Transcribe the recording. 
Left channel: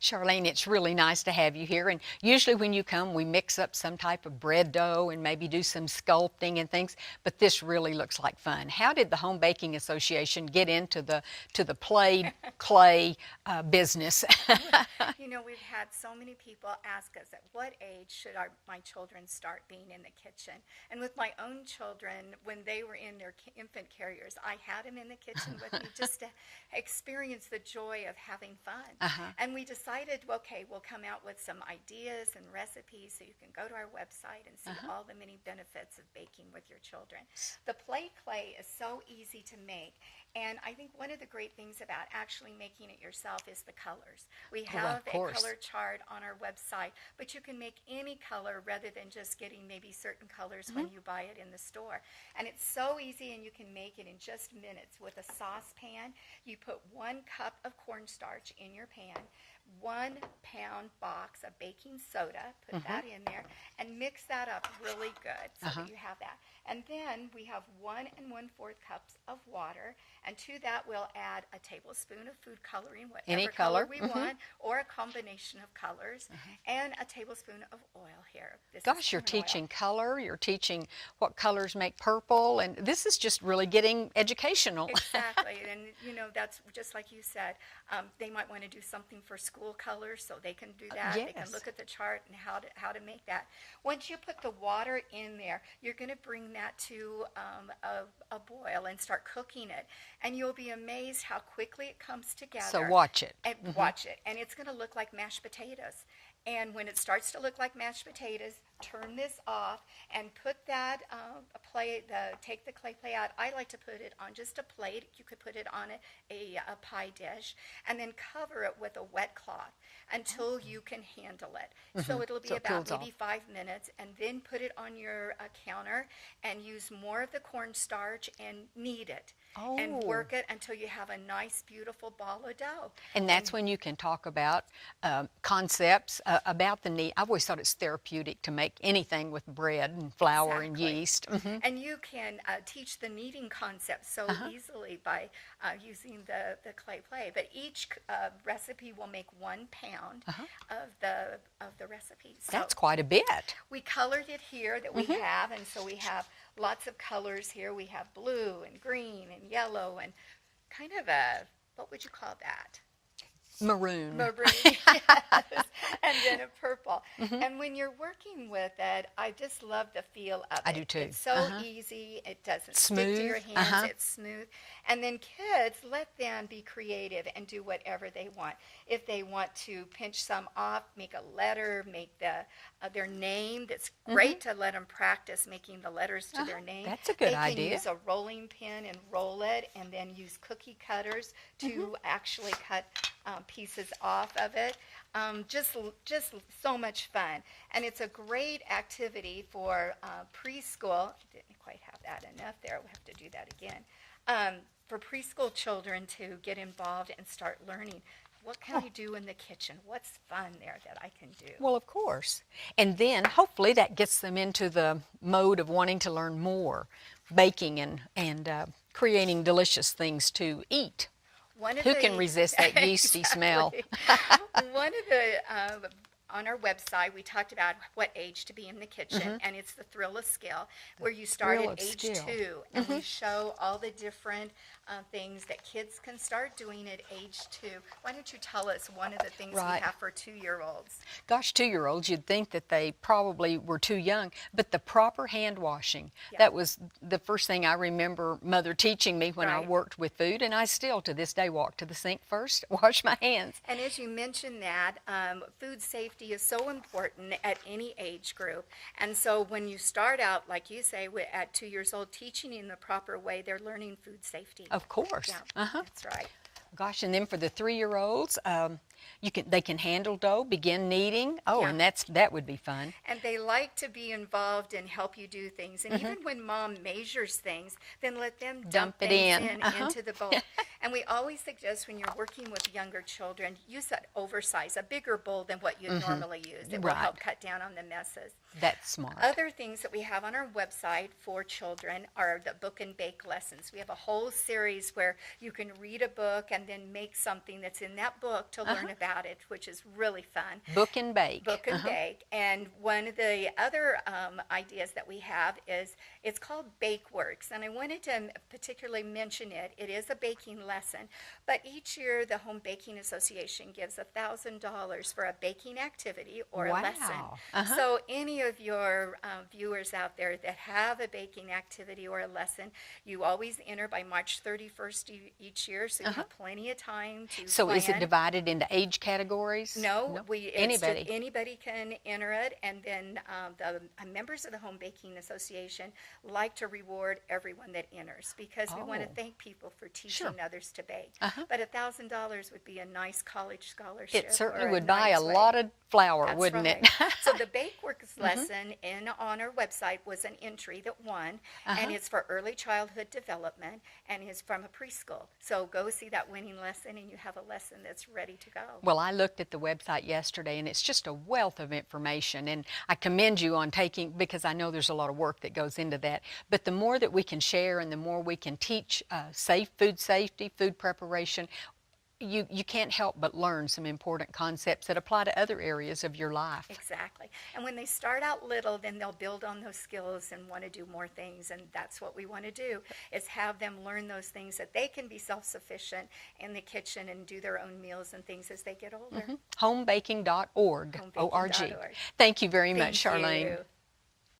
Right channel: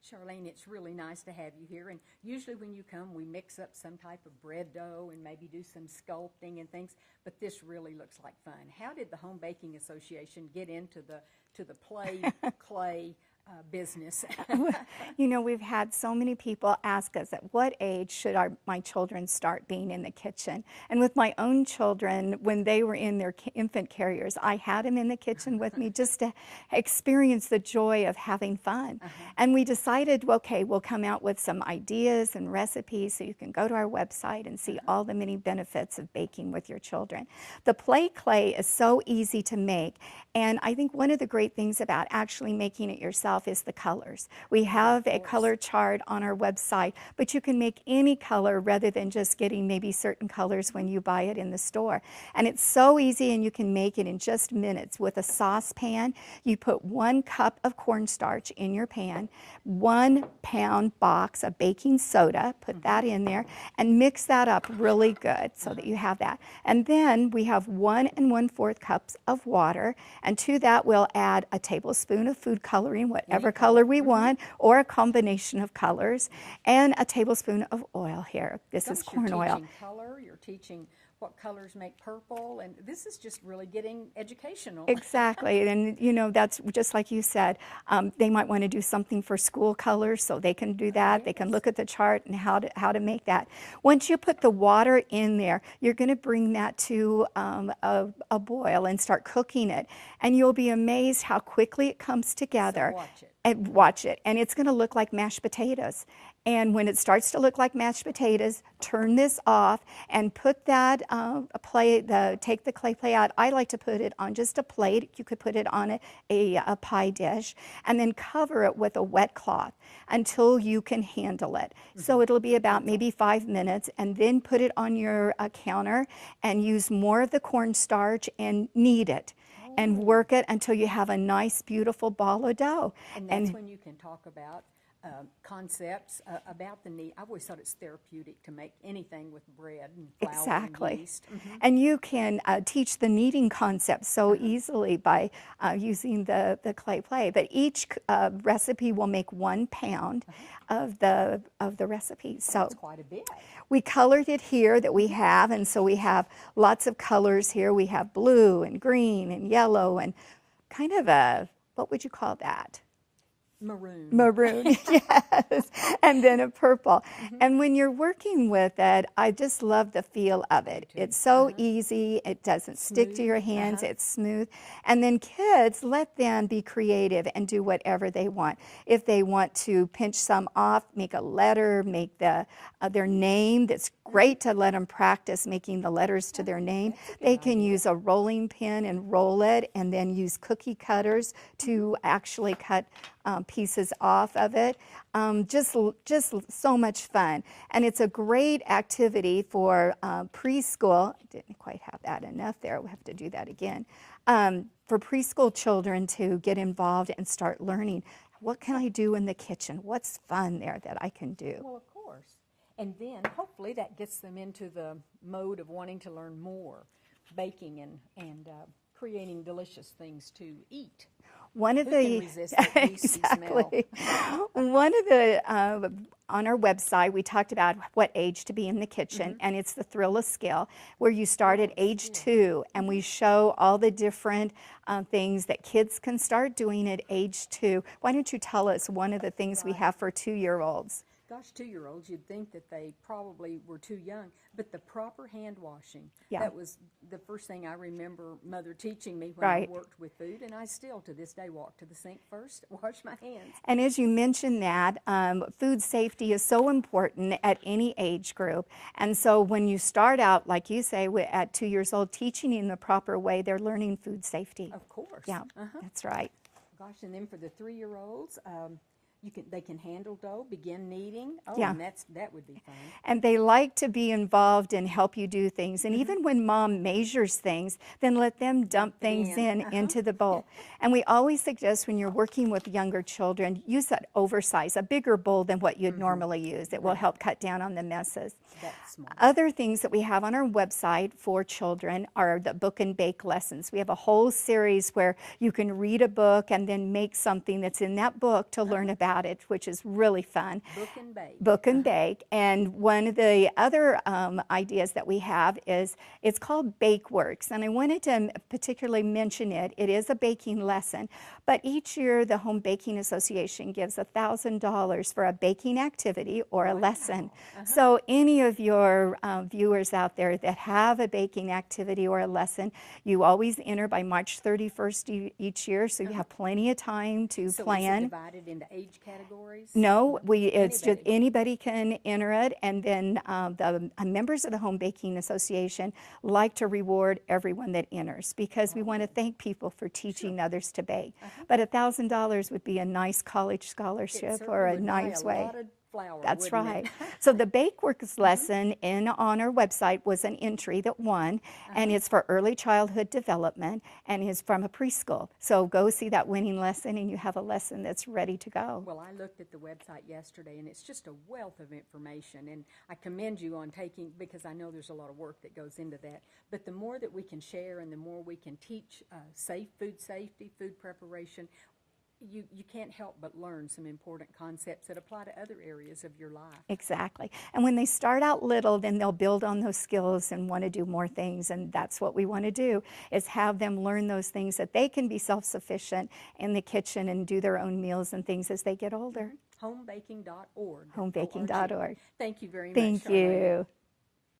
Charlene, it's really nice to have you here. And usually when you come, we mix up some type of bread dough and maybe do some sculpting and things, but this really looks like fun. How did the Home Baking Association get into the play clay business? You know, we've had so many people ask us at what age should my children start being in the kitchen. And with my own children, when they were in their infant carriers, I had them in the kitchen with me just to experience the joy of having fun. And we decided, well, okay, we'll come out with some ideas and recipes so you can go to our website and see all the many benefits of baking with your children. The play clay is so easy to make. And I think one of the great things about actually making it yourself is the colors. We have a color chart on our website, but you can make any color rather than just getting maybe certain colors when you buy it in the store. And it's so easy, and you can make it in just minutes. With a saucepan, you put 1 cup of cornstarch in your pan, 1 pound box of baking soda, put that in there, and mix that up really good so that you have that. And then we have 1 1/4 cups of water, and to that we'll add a tablespoon of food coloring, whatever color we want, or a combination of colors, and a tablespoon of oil here. This is corn you're oil. teaching color, you're teaching what colors make purple, and this is just really getting educational. Exactly, and you know, that's just like you said, they might want to do something for school colors, so they can do that. They can look at the chart and how to make that. Once you put the water in there, you're going to bring that to a boil and start cooking it, and you'll be amazed how quickly it comes together. So watch it. And watch it, and it's going to look like mashed potatoes. And when it starts to look like mashed potatoes, turn this off and put that take the clay plate out. I like to put it on just a plate. You could put it on a pie dish, and then cover it with a wet cloth until you can handle it. So it'll be about maybe 5 minutes, and then put it on your counter and use more of the cornstarch and knead it. And work it until you have a nice, beautiful ball of dough. And that's when you can talk about concepts about the need. I've always thought it's therapeutic to make anything with bread and flour and yeast. And you can teach the kneading concept so easily by using the clay play. But each recipe will make 1 pound of the recipe. So that's quite a bit. We colored it here that we have, and so we have lots of colors here. We have blue and green and yellow and kind of a, what would you call that? Maroon. Maroon, yes. And then a purple. And when you're working with it, I just love the feel of it. I do too. It's so easy. It doesn't stick to your hands. It's smooth. And then kids, let them be creative and do whatever they want. If they want to pinch some off, make a letter, make their name. That's great to let them practice making the letters to their name. That's a good They can idea. use a rolling pin and roll it, and then use cookie cutters to actually cut pieces off of it. Just so much fun. And it's a great activity for preschool. Didn't quite have that enough there. We have to do that again. For preschool children to get involved and start learning. What can I do in the kitchen? What's fun there that I can do? Well, of course. And then hopefully that gets them into the mode of wanting to learn more, baking and creating delicious things to eat. Who can resist that yeasty smell? One of the on our website, we talked about what age to be in the kitchen, and it's the Thrill of Skill, where you start at age 2, and we show all the different things that kids can start doing at age 2. Why don't you tell us one of the things we have for 2-year-olds? Gosh, 2-year-olds, you'd think that they probably were too young, but the proper hand washing, that was the first thing I remember Mother teaching me when I worked with food, and I still to this day walk to the sink first, wash my hands. And as you mentioned that, food safety is so important at any age group. And so when you start out, like you say, at 2 years old, teaching in the proper way, they're learning food safety. Of course. Yeah, that's right. Gosh, and then for the 3-year-olds, they can handle dough, begin kneading. Oh, and that would be fun. And they like to be involved and help you do things. And even when Mom measures things, then let them dump things into the bowl. And we always suggest when you're working with younger children, use that oversize, a bigger bowl than what you'd normally use. It will Right. help cut down on the messes. That's smart. Other things that we have on our website for children are the book and bake lessons. We have a whole series where you can read a book and then make something that's in that book to learn about it, which is really fun. Book and bake. Book and bake. And one of the other ideas that we have is it's called BakeWorks. And I wanted to particularly mention it. It is a baking lesson. But each year, the Home Baking Association gives $1,000 for a baking activity or a Wow. lesson. So any of your viewers out there that have a baking activity or a lesson, you always enter by March 31st each year, so you have plenty of time to So plan. is it divided into age categories? No, it's Anybody. just anybody can enter it, and then the members of the Home Baking Association like to reward everyone that enters because we want to thank people for teaching others to bake. But $1,000 would be a nice college scholarship. It or certainly a would buy nice a way. lot of flour, That's wouldn't right. it? So the BakeWorks lesson on our website was an entry that won, and it's for early childhood development, and is from a preschool. So go see that winning lesson, and you have a lesson that's ready to go. Well, I looked at the website yesterday, and it's just a wealth of information, and I commend you on taking, because I know there's a lot of work that goes into that, but the more that we can share and the more we can teach food safety, food preparation, you can't help but learn some important concepts that apply to other areas of your life. Exactly. And when they start out little, then they'll build on those skills and want to do more things. And that's what we want to do, is have them learn those things that they can be self-sufficient in the kitchen and do their own meals and things as they get older. Homebaking.org. Homebaking.org. Thank you very much, Thank Charlene. you.